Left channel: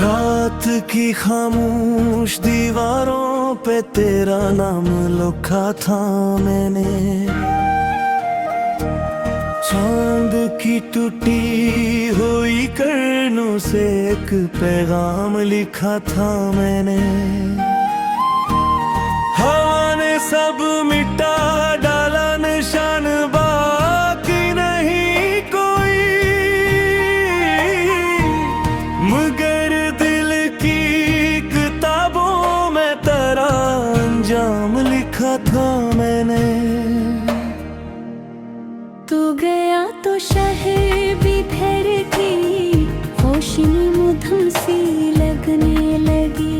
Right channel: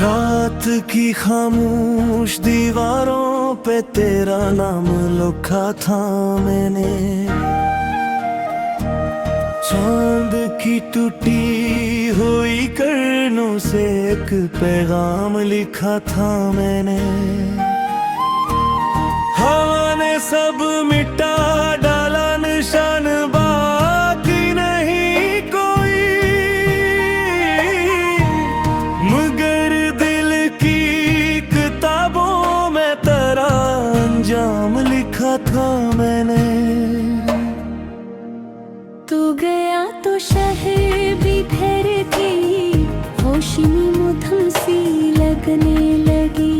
रात की खामोश दीवारों पे तेरा नाम लिखा था मैंने। चांद की टूटी हुई किरणों से एक पैगाम लिखा था मैंने। हवा ने सब मिटा डाला, निशान बाकी नहीं कोई, मगर दिल की किताबों में तेरा अंजाम लिखा था मैंने। तू गया तो शहर बिखर गई, रोशनी मुधम सी लगने लगी।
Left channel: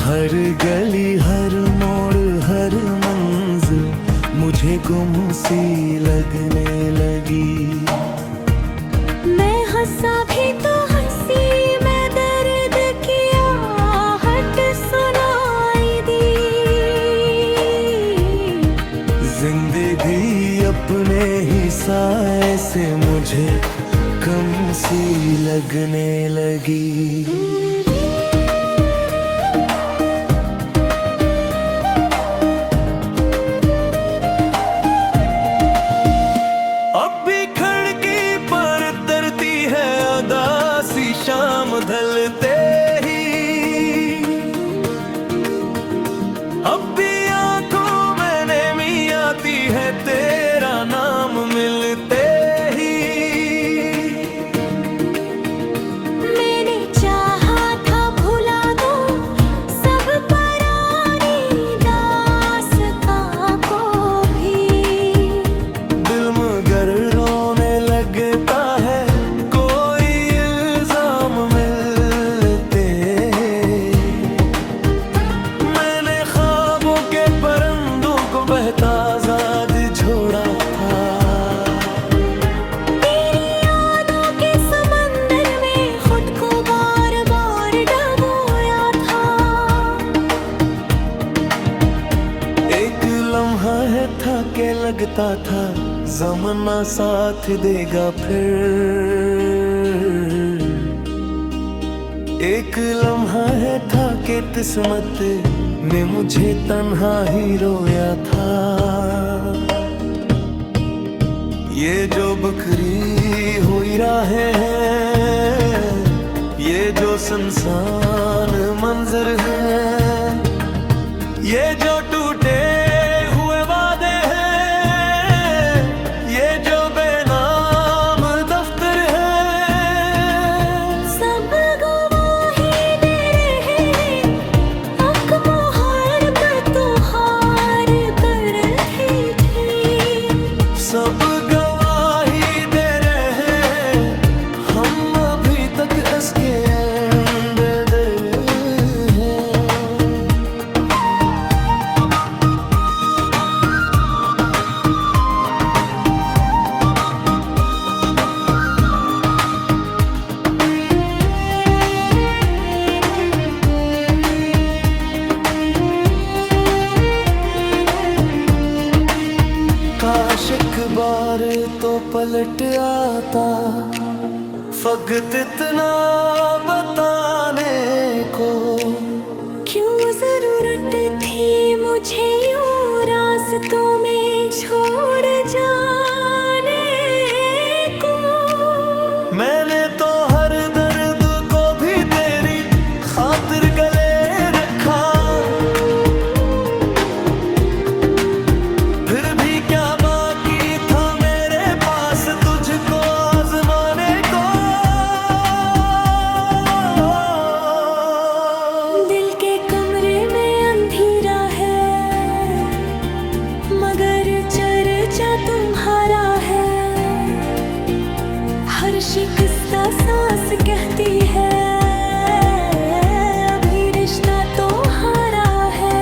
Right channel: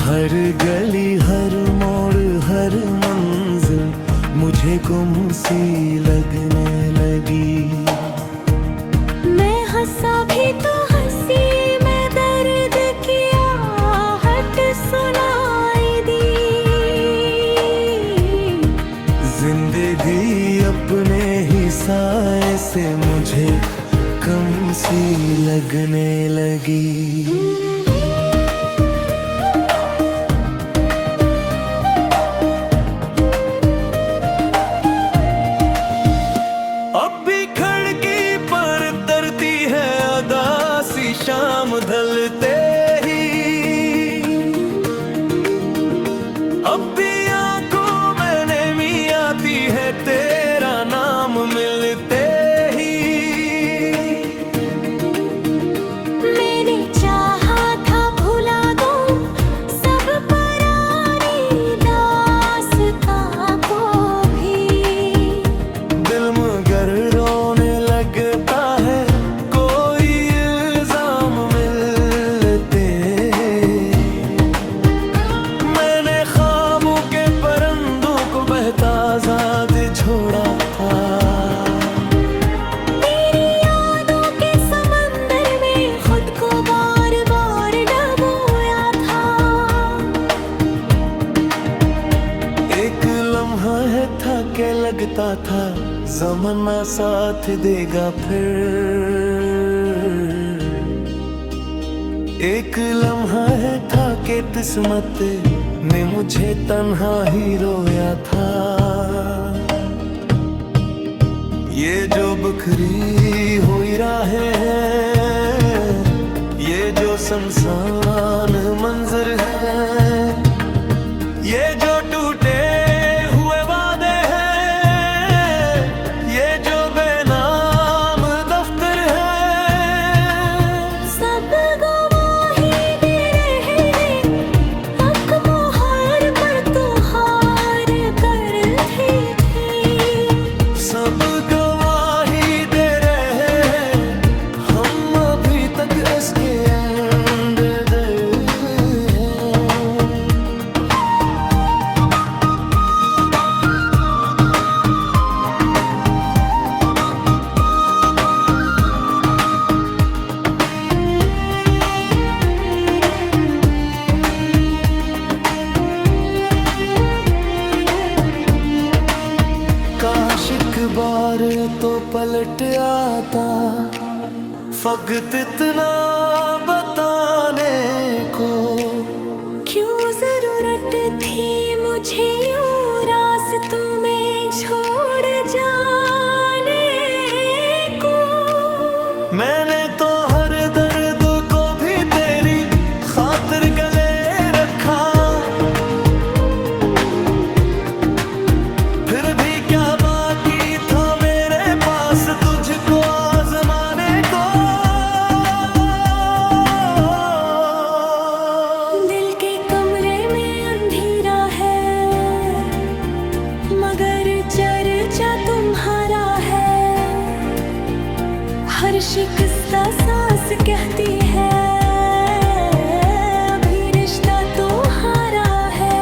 हर गली हर मोड़ हर मंजिल मुझे गुम सी लगने लगी। मैं हंसा भी तो हंसी में दर्द की आहट सुनाई दी। जिंदगी अपने ही साए से मुझे कम सी लगने लगी। शाम ढलते ही अब भी आंखों में नमी आती है, तेरा नाम मिलते ही। मैंने चाहा था भुला दो सब पुरानी दास्तां को भी, दिल मगर रोने लगता है आजाद छोड़ा था। तेरी यादों के समंदर में खुद को बार बार डुबोया था। एक लम्हा है था के लगता था ज़माना साथ देगा फिर। एक लम्हा है था के किस्मत ने मुझे तन्हा ही रोया था। ये जो बखरी हुई राहें हैं, ये जो सुनसान मंजर है, ये जो टूटे हुए वादे हैं, ये जो बेनाम दफ्तर है, सब गवाही दे रहे हैं। हम अभी तक इसके एंड दे हैं। काश एक बार तो पलट आता, फकत इतना बताने को। क्यों जरूरत थी मुझे यूं रास्तों में छोड़ जाने को। मैंने तो हर दर्द को भी तेरी खातिर गले रखा, फिर भी क्या बाकी था मेरे पास तुझको आजमाने को। दिल के कमरे में अंधेरा है, मगर चर्चा तुम्हारा है। हर शिकस्ता सांस कहती है अभी रिश्ता तो हारा है।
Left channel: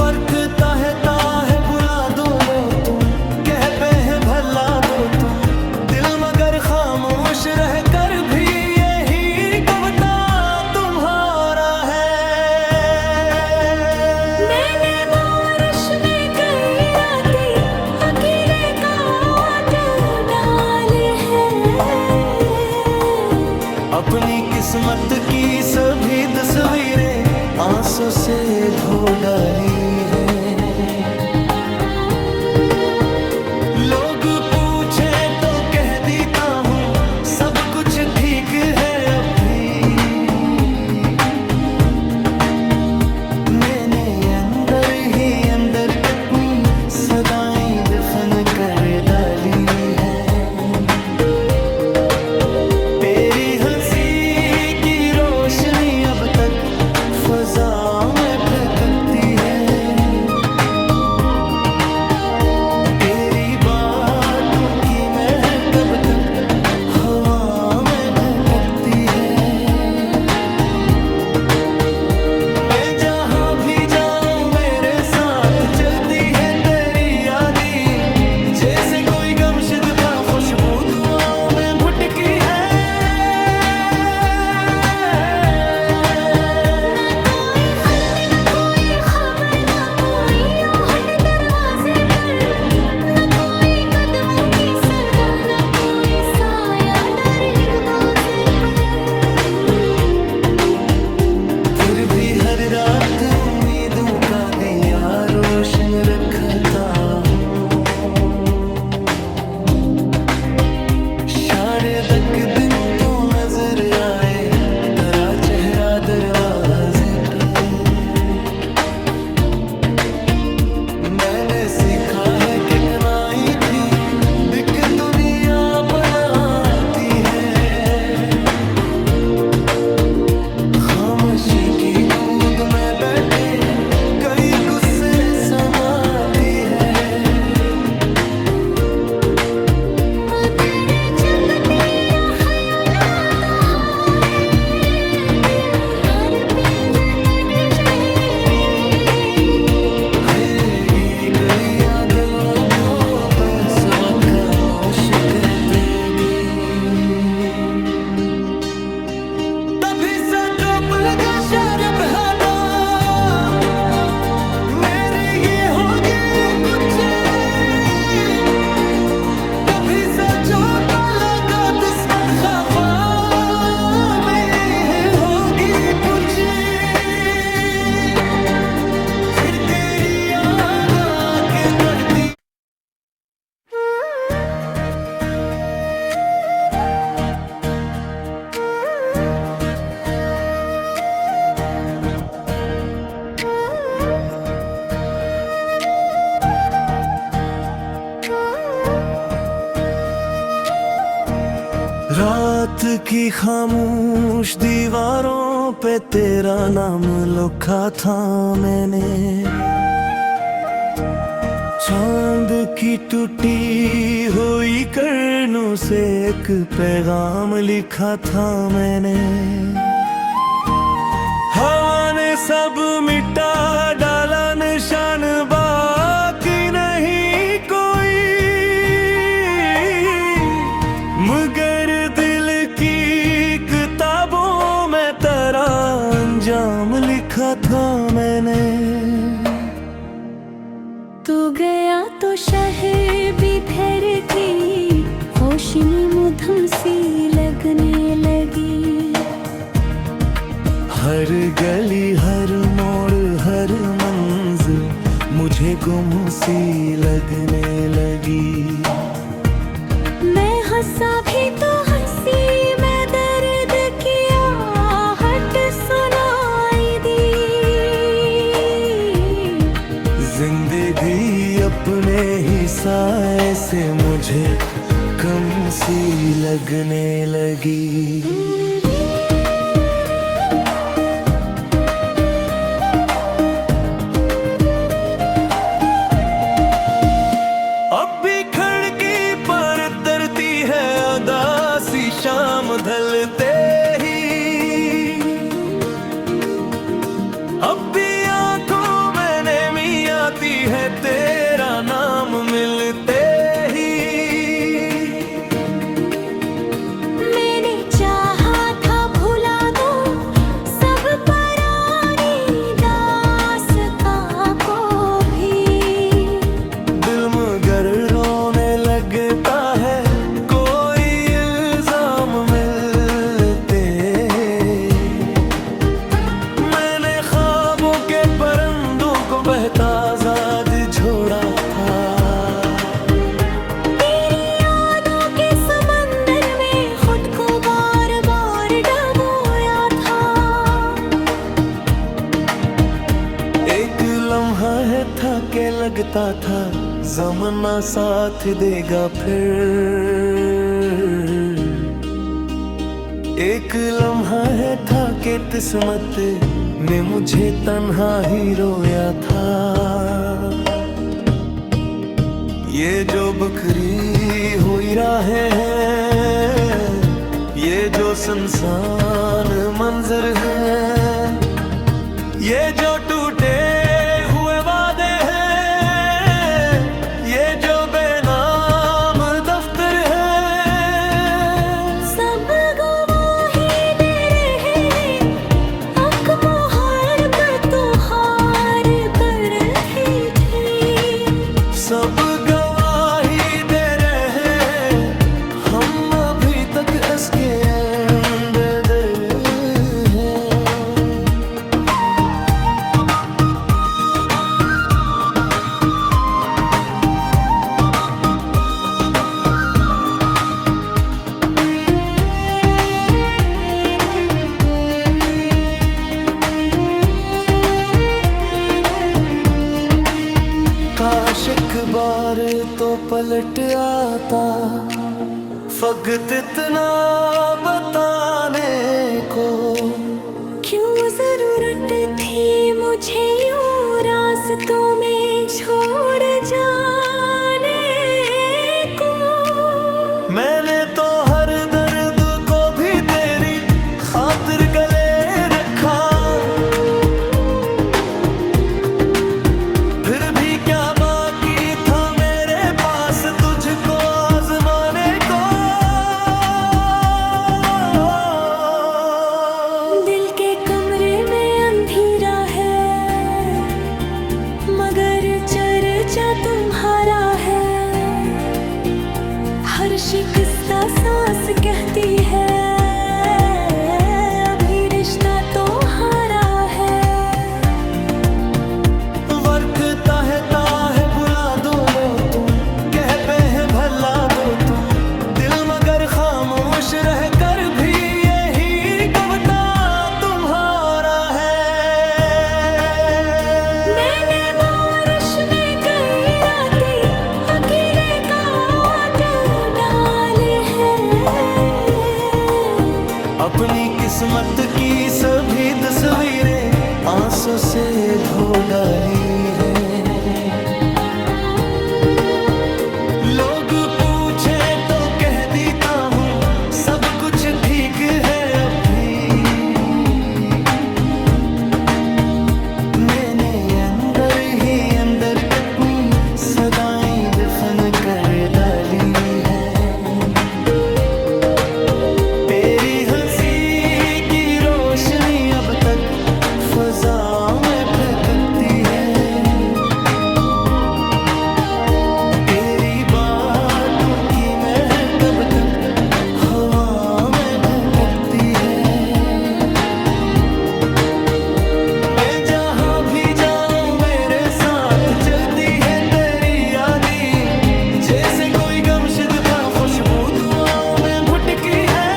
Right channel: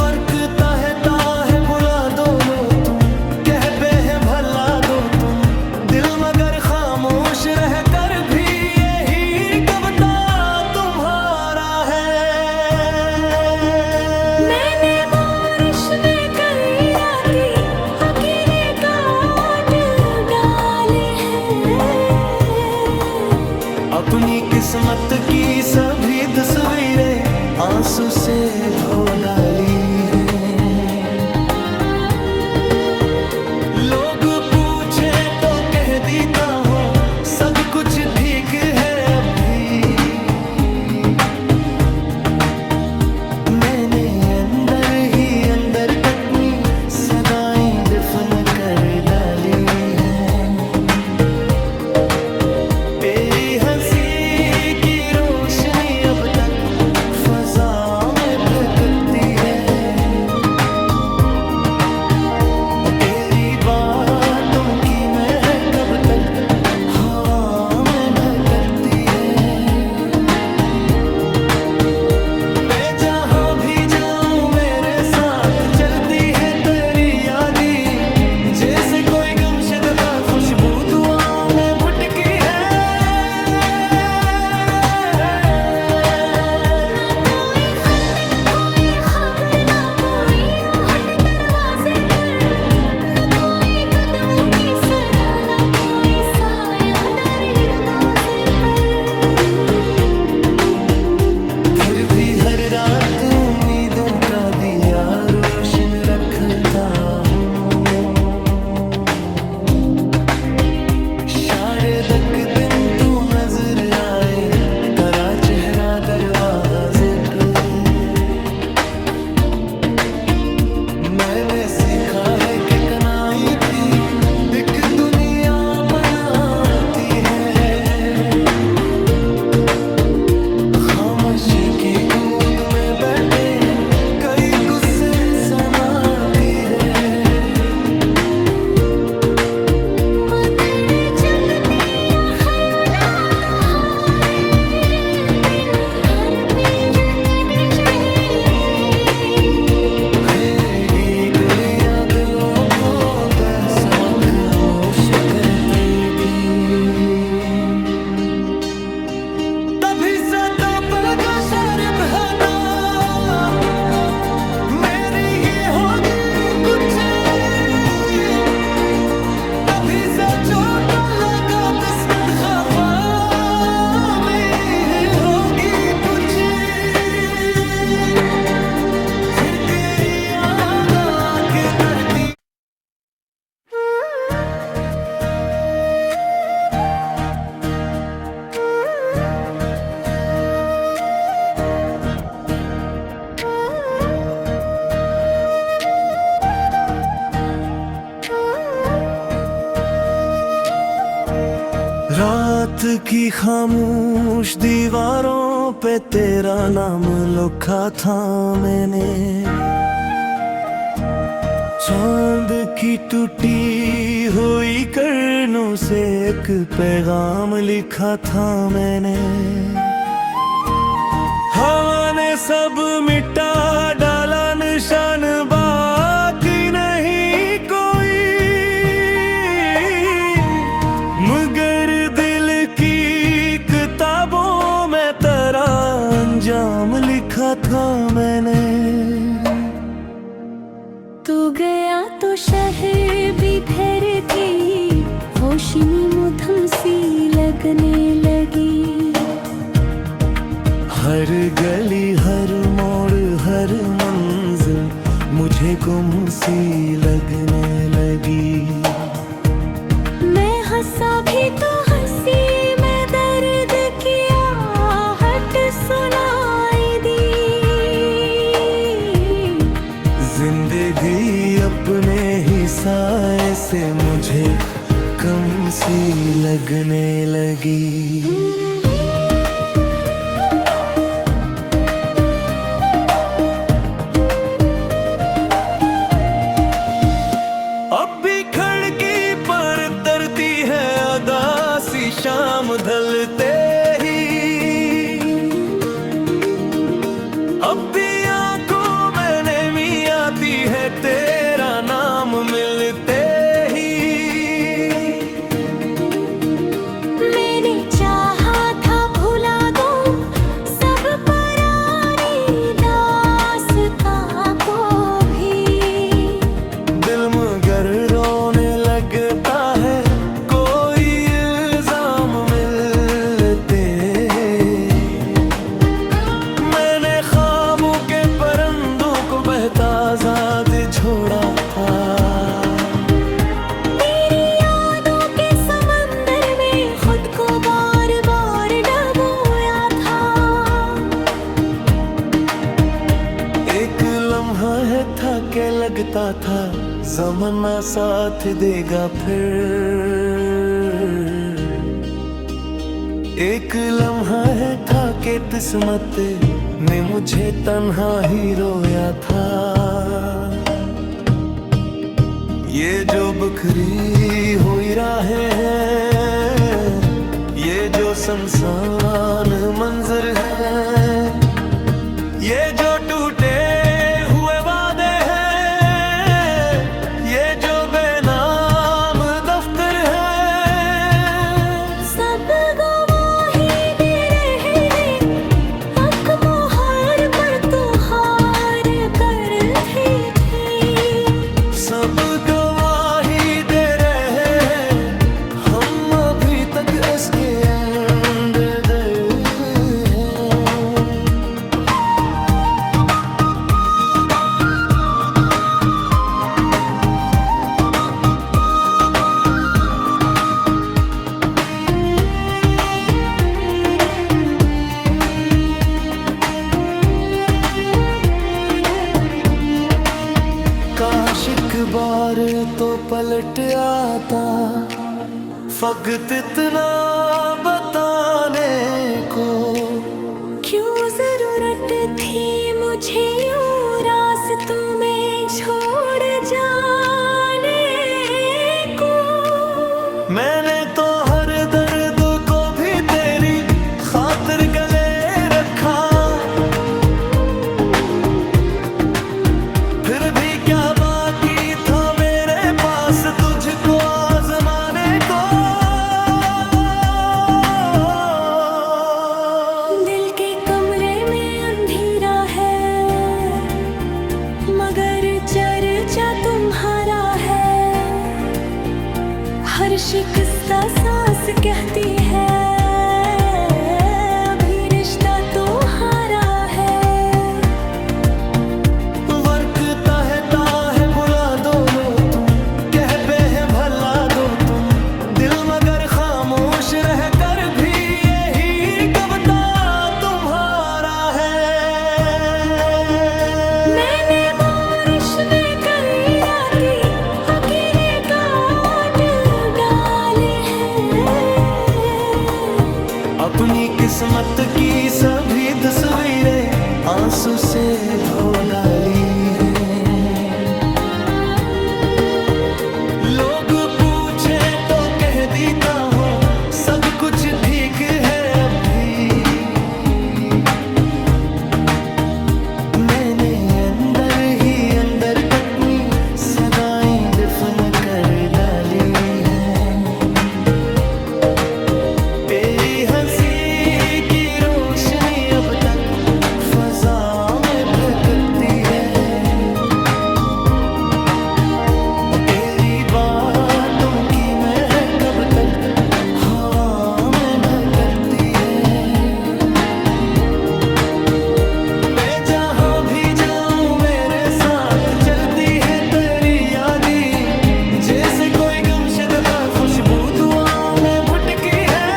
वर्कता है बुला दो लो तुम, कह पे है भला दो तुम, दिल मगर खामोश रह कर भी यही कविता तुम्हारा है। मैंने बारिश में कई रातें अकेले काट डाले हैं। अपनी किस्मत की सभी तस्वीरें आंसू से धो डाली हैं। लोग पूछे तो कह देता हूँ सब कुछ ठीक है अभी। मैंने अंदर ही अंदर कितनी सदाएं दफन कर डाली हैं। अब तक फजा में भटकती है। तेरी बातों की महक कब तक हवा में भटकती है। मैं जहाँ भी जाऊँ मेरे साथ चलती है तेरी यादें, जैसे कोई गमशुदा खुशबू दुआओं में भुटकी है। हर रात उम्मीदों का दिया रोशन रखता हूँ। शायद एक दिन तो नजर आए तेरा चेहरा दरवाजे पे। मैंने सीखा है कि कनाई थी बिक दुनिया बनाती है। खामोशी की गूद में बैठे कई गुस्से समाती है। दिलों को बेसमखामोश कहते थी। तभी से तो पल का शार बहता मेरी ही होगी कुछ। कभी से जो तो लगा किस्मत खफा में होगी कुछ। फिर तेरी याद आके करती रात की खामोश दीवारों पे तेरा नाम लिखा था मैंने। चांद की टूटी हुई किरणों से एक पैगाम लिखा था मैंने। हवा ने सब मिटा डाला निशान बाकी नहीं कोई। मगर दिल की किताबों में तेरा अंजाम लिखा था मैंने। तू गया तो शहर बिखर गई, रोशनी मुधम सी लगने लगी। हर गली हर मोड़ हर मंजिल मुझे गुम सी लगने लगी। मैं हंसा भी तो हंसी में दर्द की आहट सुनाई दी। जिंदगी अपने ही साए से मुझे कम सी लगने लगी। अब भी खिड़की पर तरती है उदासी शाम ढलते ही। अब भी आंखों में नमी आती है तेरा नाम मिलते ही। मैंने चाहा था भुला दूं सब पुरानी दास्तां को भी। दिल मगर रोने लगता है कोई इल्जाम मिलते लगता था ज़माना साथ देगा फिर। एक लम्हा है था कि किस्मत ने मुझे तन्हा ही रोया था। ये जो बखरी हुई राहें हैं, ये जो सुनसान मंजर है, ये जो टूटे हुए वादे हैं, ये जो बेनाम दफ्तर है, सब गवाही दे रहे हैं, हक मोहर पर तू हार कर रही थी। सब गवाही दे रहे हैं, हम अभी तक इसके अंदर हैं। काश एक बार तो पलट आता, वक्त इतना बताने को। क्यों जरूरत थी मुझे यूं रास्तों में छोड़ जाने को। मैंने तो हर दर्द को भी तेरी खातिर गले रखा, फिर भी क्या बाकी था मेरे पास तुझको आजमाने को। दिल के कमरे में अंधेरा है, मगर चर्चा तुम्हारा है। हर शिकस्ता सांस कहती है, अभी रिश्ता तो हारा है। वरकता है बुला दो लो तुम, कह पे है भला दो तुम, दिल मगर खामोश रह कर भी यही कविता तुम्हारा है। मैंने बारिश में कई रातें अकेले काट डाले हैं। अपनी किस्मत की सभी तस्वीरें आंसू से धो डाली हैं। लोग पूछे तो कह देता हूँ सब कुछ ठीक है अभी। मैंने अंदर ही अंदर कितनी सदाएं दफन कर डाली हैं। तेरी हंसी की रोशनी अब तक फजा में भटकती है, तेरी बातों की महक कब तक हवा में भटकती है। मैं जहाँ भी जाऊँ मेरे साथ चलती है तेरी यादी, जैसे कोई गमशुदा खुशबू दुआओं में भुटकी है।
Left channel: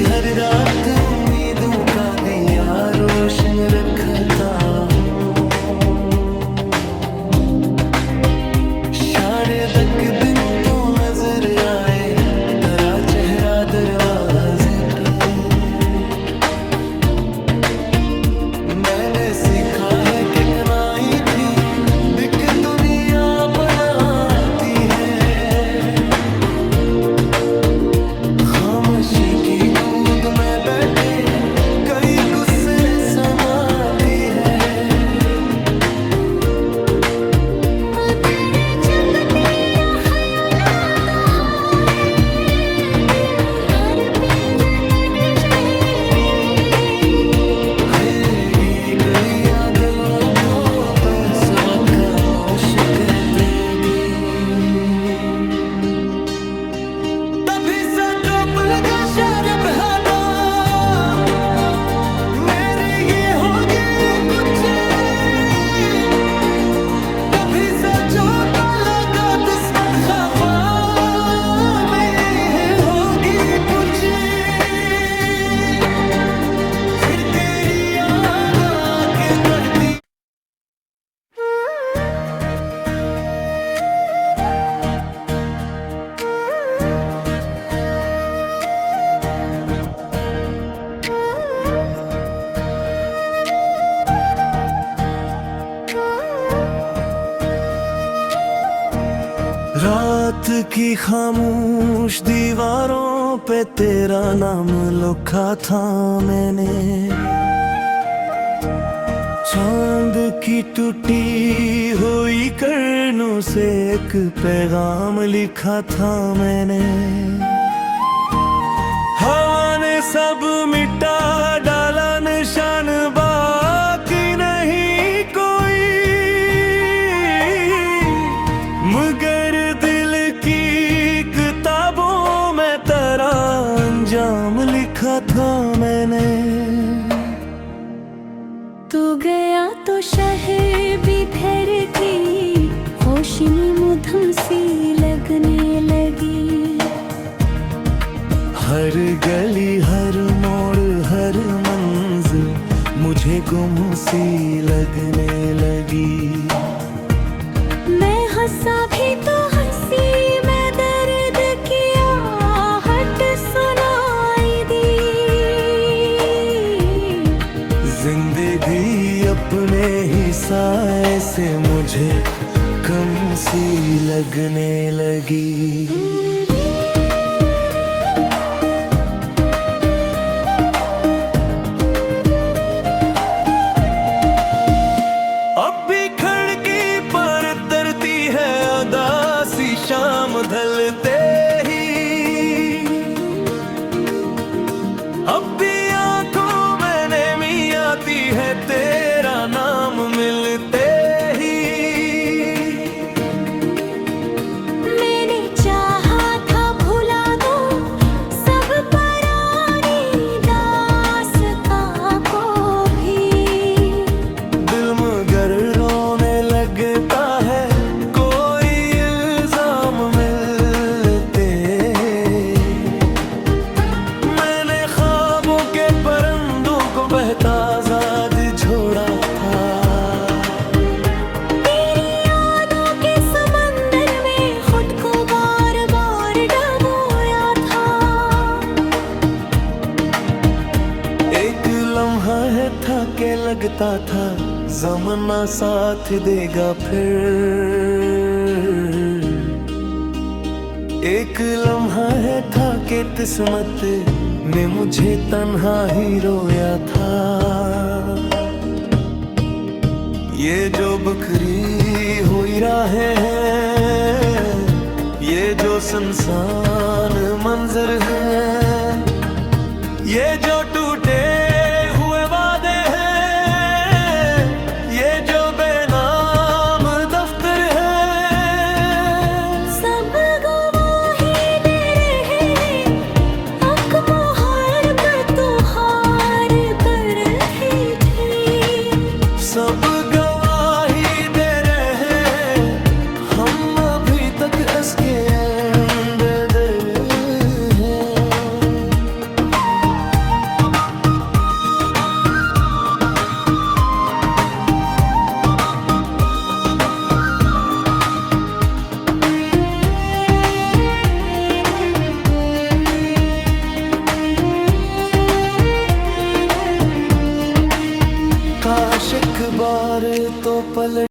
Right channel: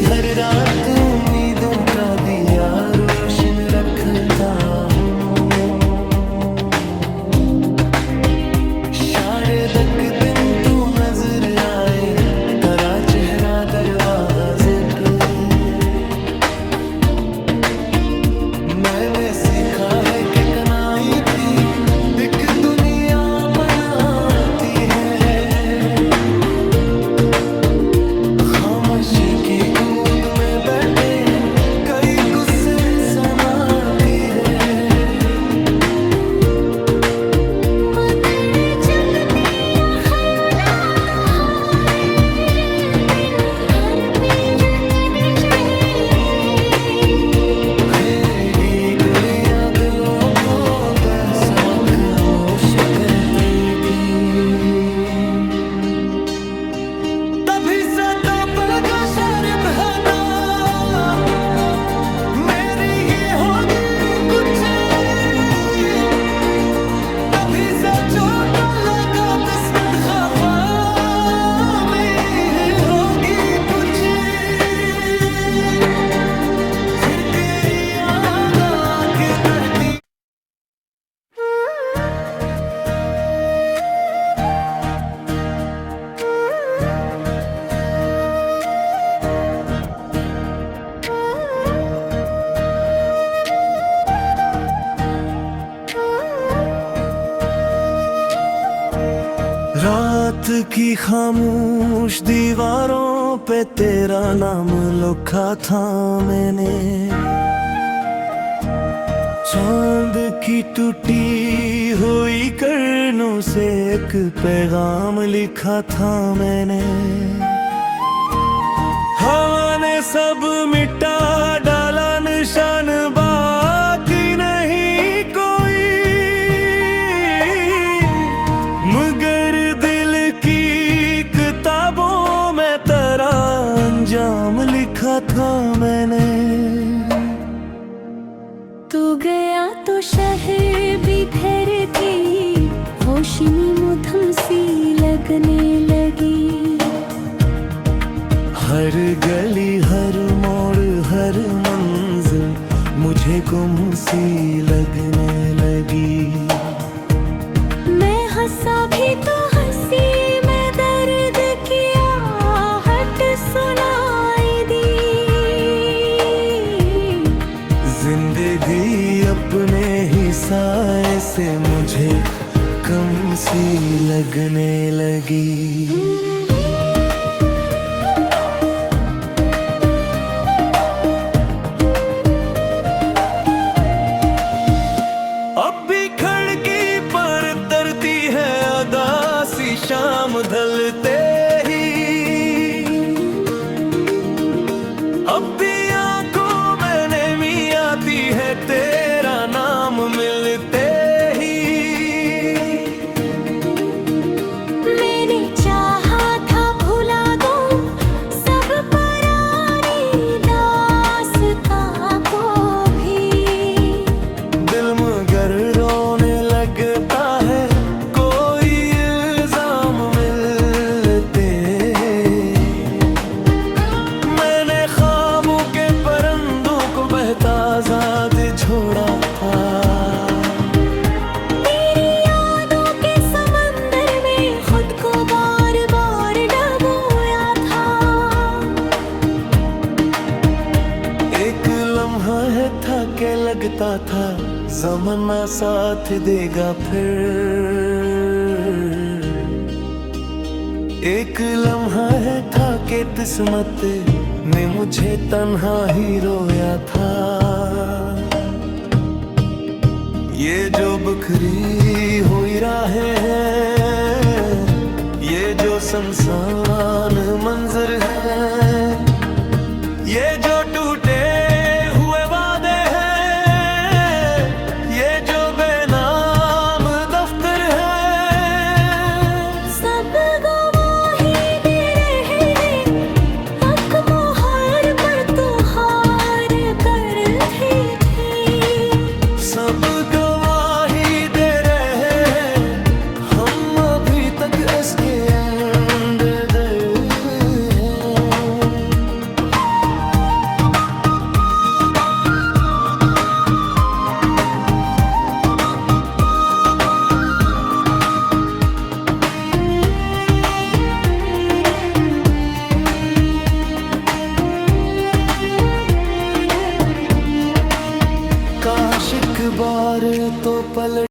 हर रात उम्मीदों का दिया रोशन रखता हूँ, शायद एक दिन तो नजर आए तेरा चेहरा दरवाजे पे। मैंने सीखा है कि कनाई थी दिख दुनिया बनाती है, खामोशी की गूद में बैठे कई गुस्से समाती है। दिलों को बेसबक खामोश कहती थी, तभी से तो पल का शार बहता मेरी ये होगी रात की खामोश दीवारों पे तेरा नाम लिखा था मैंने, चांद की टूटी हुई किरणों से एक पैगाम लिखा था मैंने। हवा ने सब मिटा डाला निशान बाकी नहीं कोई, मगर दिल की किताबों में तेरा अंजाम लिखा था मैंने। तू गया तो शहर बिखर गई, रोशनी मुधम सी लगने लगी। हर गली हर मोड़ हर मंजिल मुझे गुम सी लगने लगी। मैं हंसा भी तो हंसी में दर्द की आहट सुनाई दी। जिंदगी अपने ही साए से मुझे कम सी लगने लगी। अब भी खिड़की पर तरती है उदासी शाम ढलते ही, अब भी आंखों में नेमी आती है तेरा नाम मिलते ही। मैंने चाहा था भुला दूं सब पुरानी दास्तां को भी, दिल मगर रोने लगता है कोई इल्जाम मिलते। मैंने ख्वाबों के परिंदों को बहता आजाद छोड़ा था, तेरी यादों के समंदर में खुद को बार बार डुबोया था। एक लम्हा है था के लगता था ज़माना साथ देगा फिर, एक लम्हा है था के किस्मत ने मुझे तन्हा ही रोया था। ये जो बिखरी हुई राहें हैं, ये जो सुनसान मंजर है, ये जो टूटे हुए वादे हैं, ये जो बेनाम दफ्तर है, सब गवाही दे रहे हैं हक मोहर पर तू हार कर रही थी। सब गवाही दे रहे हैं हम अभी तक इसके अंदर हैं। काश एक बार तो पलट